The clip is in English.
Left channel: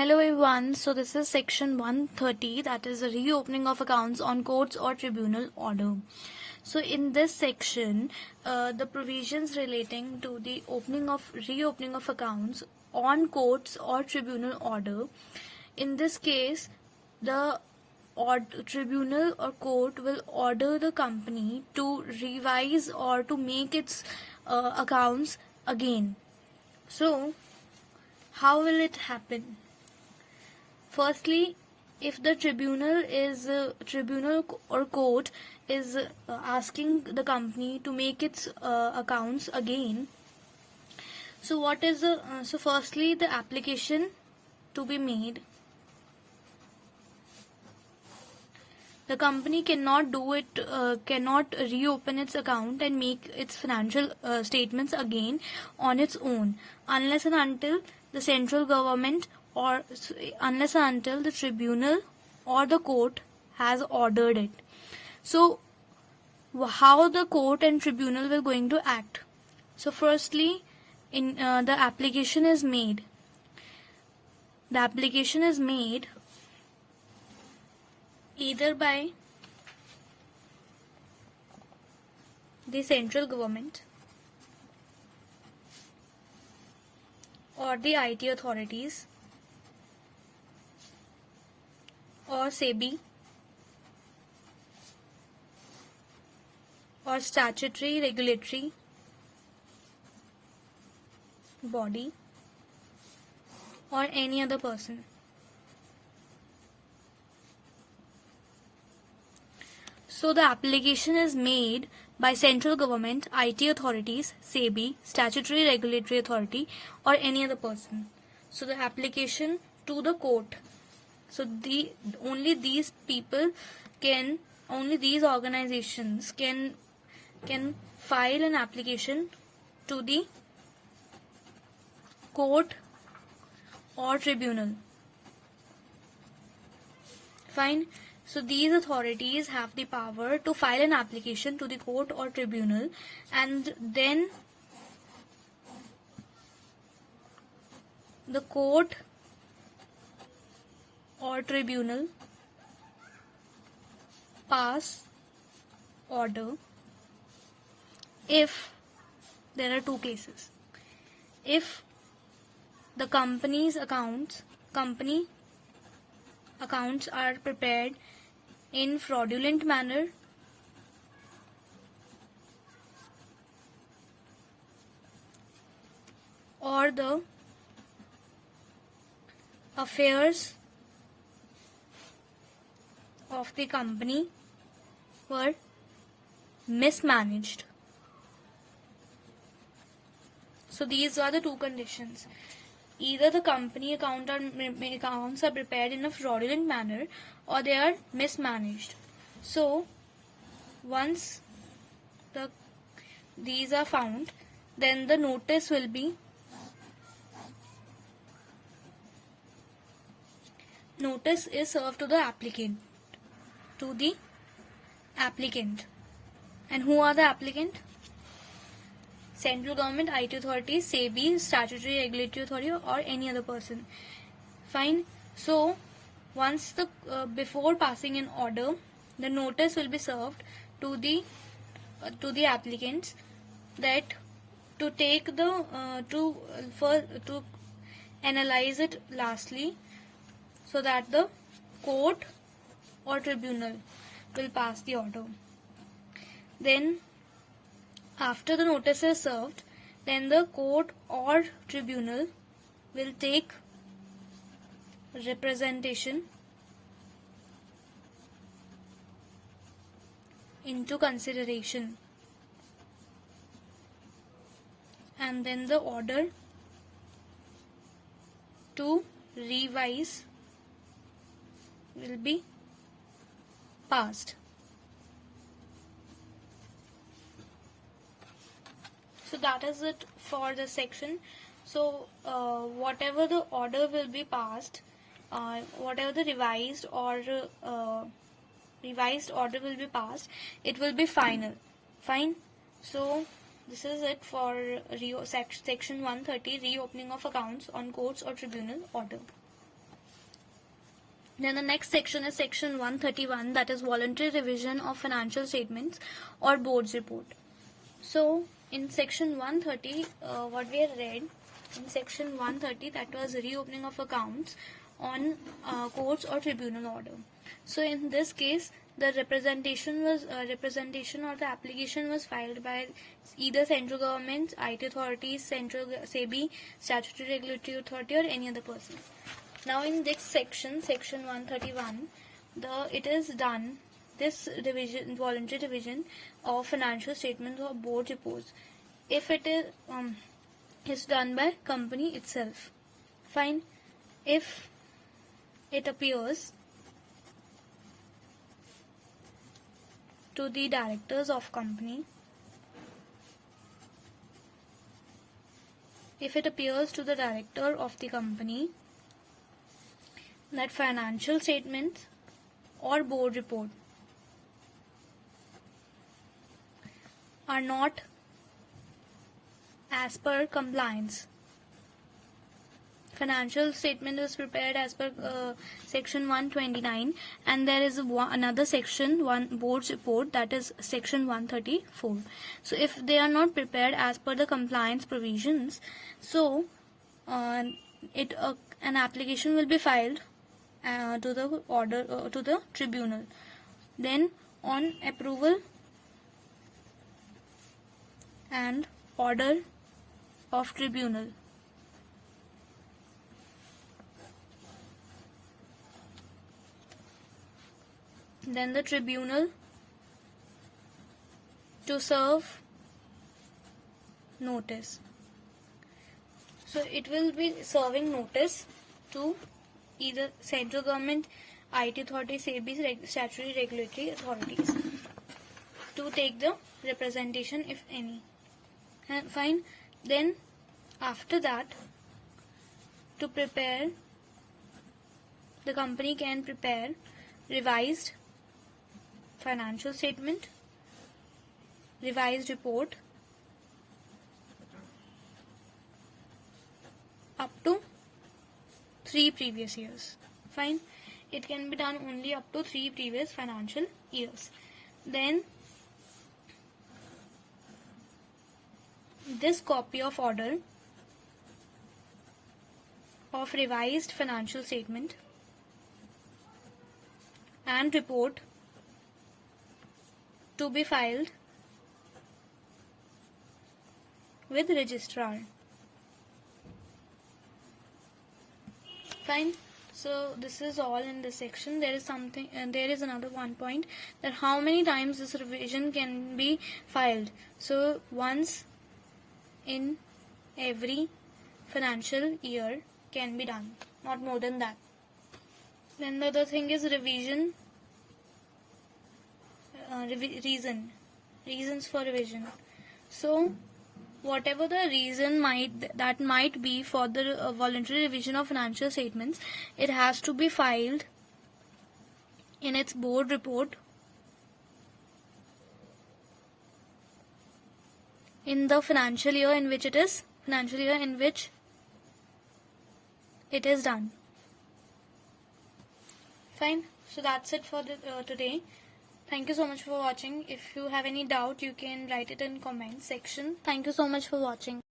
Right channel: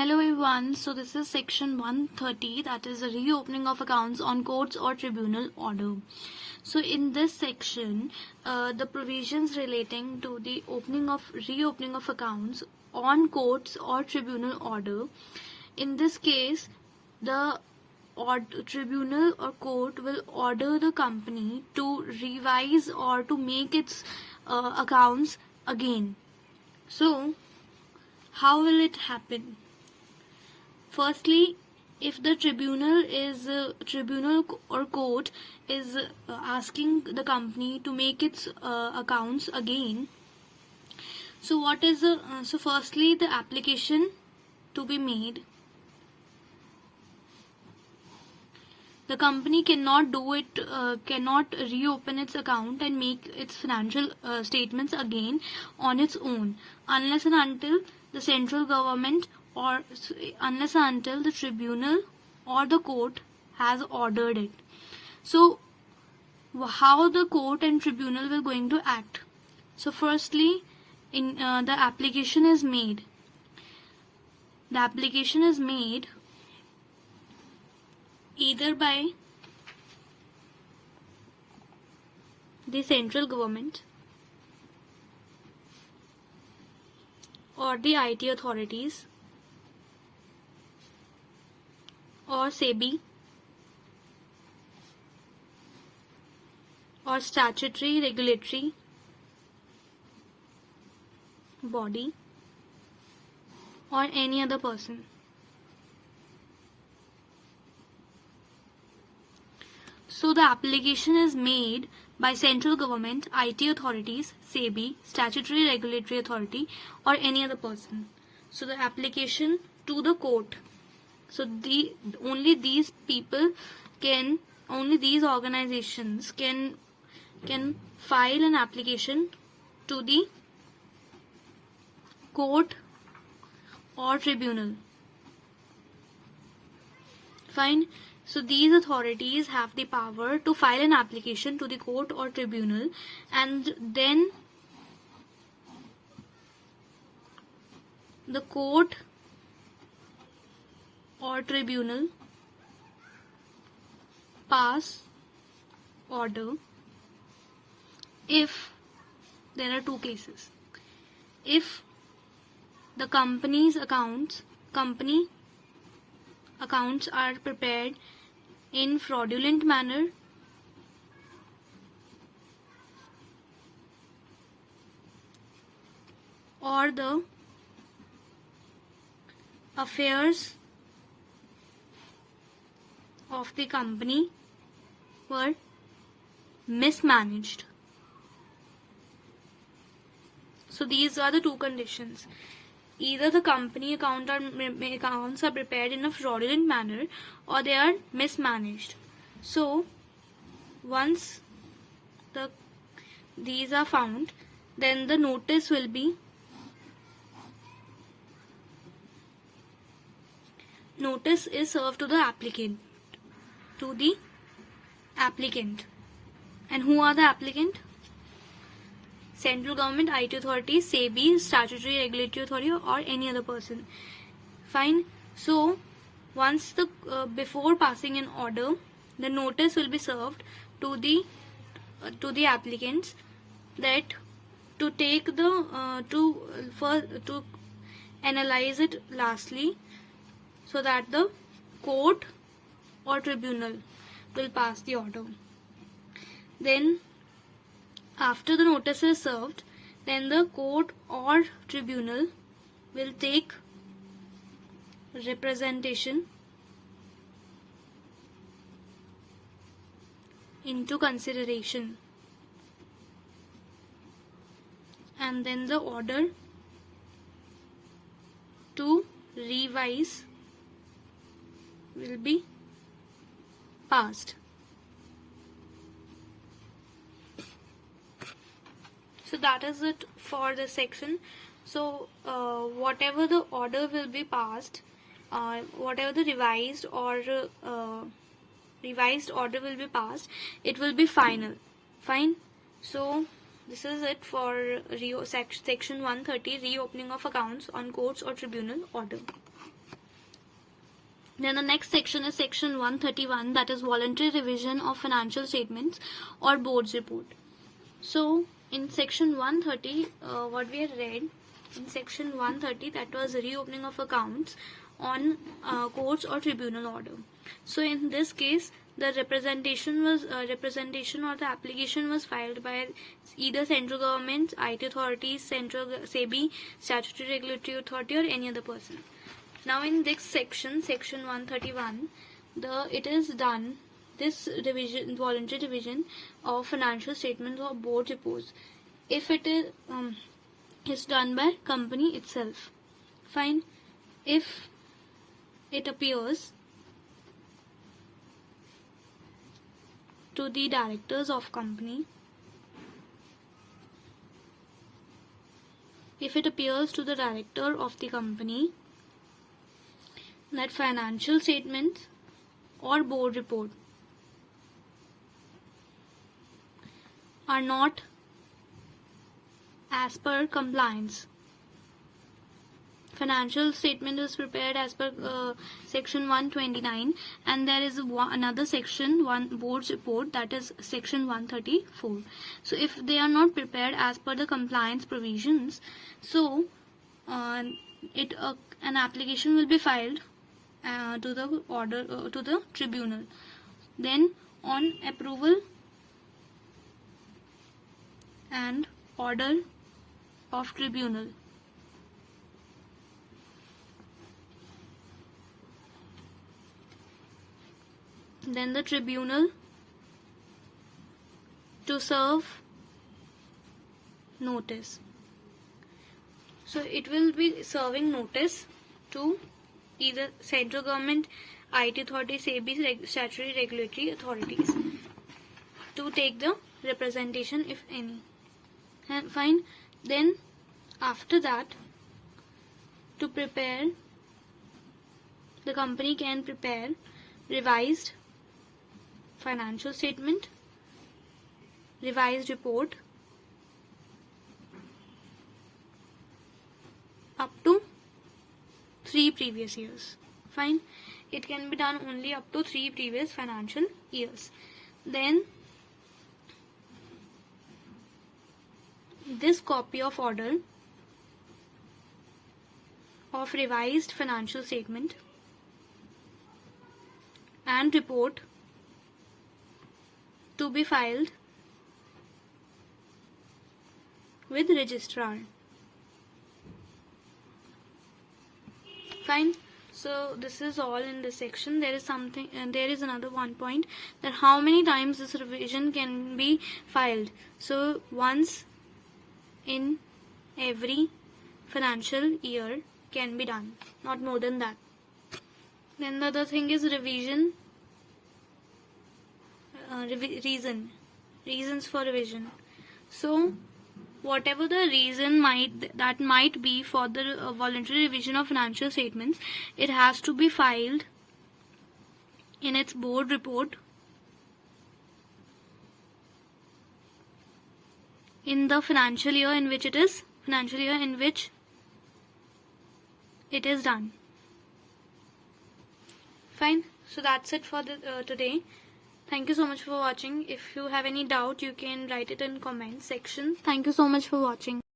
Hello everyone, so this is section 130, that is the reopening of accounts on courts or tribunal order. So in this section, the provisions relating to the reopening of accounts on courts or tribunal order. In this case, the tribunal or court will order the company to revise or to make its accounts again. So how will it happen? Firstly, if the tribunal or court is asking the company to make its accounts again, so what is so firstly the application to be made. The company cannot do it, cannot reopen its account and make its financial statements again on its own, unless and until the central government or unless and until the tribunal or the court has ordered it. So how the court and tribunal will going to act? So firstly, in the application is made. The application is made either by the central government or the IT authorities or SEBI or statutory regulatory body or any other person. So the application is made by central government, IT authorities, SEBI, statutory regulatory authority or any other person. So the application to the court. So only these organizations can file an application to the court or tribunal. Fine. So these authorities have the power to file an application to the court or tribunal, and then the court or tribunal pass order if there are two cases. If the company accounts are prepared in fraudulent manner or the affairs of the company were mismanaged. So these are the two conditions. Either the company accounts are prepared in a fraudulent manner or they are mismanaged. So once these are found, then the notice will be is served to the applicant. And who are the applicant? Central government, IT authorities, SEBI, statutory regulatory authority or any other person. Fine. So once before passing an order, the notice will be served to the applicants that to take to analyze it lastly, so that the court or tribunal will pass the order. Then after the notice is served, then the court or tribunal will take representation into consideration, and then the order to revise will be passed. So that is it for this section. So whatever the order will be passed, whatever the revised order will be passed, it will be final. Fine. So this is it for section 130, reopening of accounts on courts or tribunal order. Then the next section is section 131, that is voluntary revision of financial statements or board's report. So in section 130, what we have read in section 130, that was reopening of accounts on courts or tribunal order. So in this case, the representation or the application was filed by either central government, IT authorities, central SEBI, statutory regulatory authority, or any other person. Now in this section, section 131, it is done, this revision, voluntary revision of financial statements or board reports, if it is done by company itself. Fine. If it appears to the directors of company, if it appears to the director of the company that financial statements or board report are not as per compliance. Financial statement is prepared as per section 129, and there is another section, one board's report, that is section 134. So if they are not prepared as per the compliance provisions, so an application will be filed to the tribunal. Then on approval and order of tribunal, then the tribunal to serve notice. So it will be serving notice to either central government, IT authorities, SEBI, statutory regulatory authorities, to take the representation, if any. Fine. Then after that, to prepare, the company can prepare revised financial statement, revised report up to 3 previous years. Fine. It can be done only up to 3 previous financial years. Then this copy of order of revised financial statement and report to be filed with registrar. Fine. So this is all in this section. There is another one point, that how many times this revision can be filed. So once in every financial year can be done, not more than that. Then the other thing is revision, reasons for revision. So whatever the reason might be for the voluntary revision of financial statements, it has to be filed in its board report in the financial year in which it is done. Fine. So that's it for today. Thank you so much for watching. If you have any doubt, you can write it in comment section. Thank you so much for watching.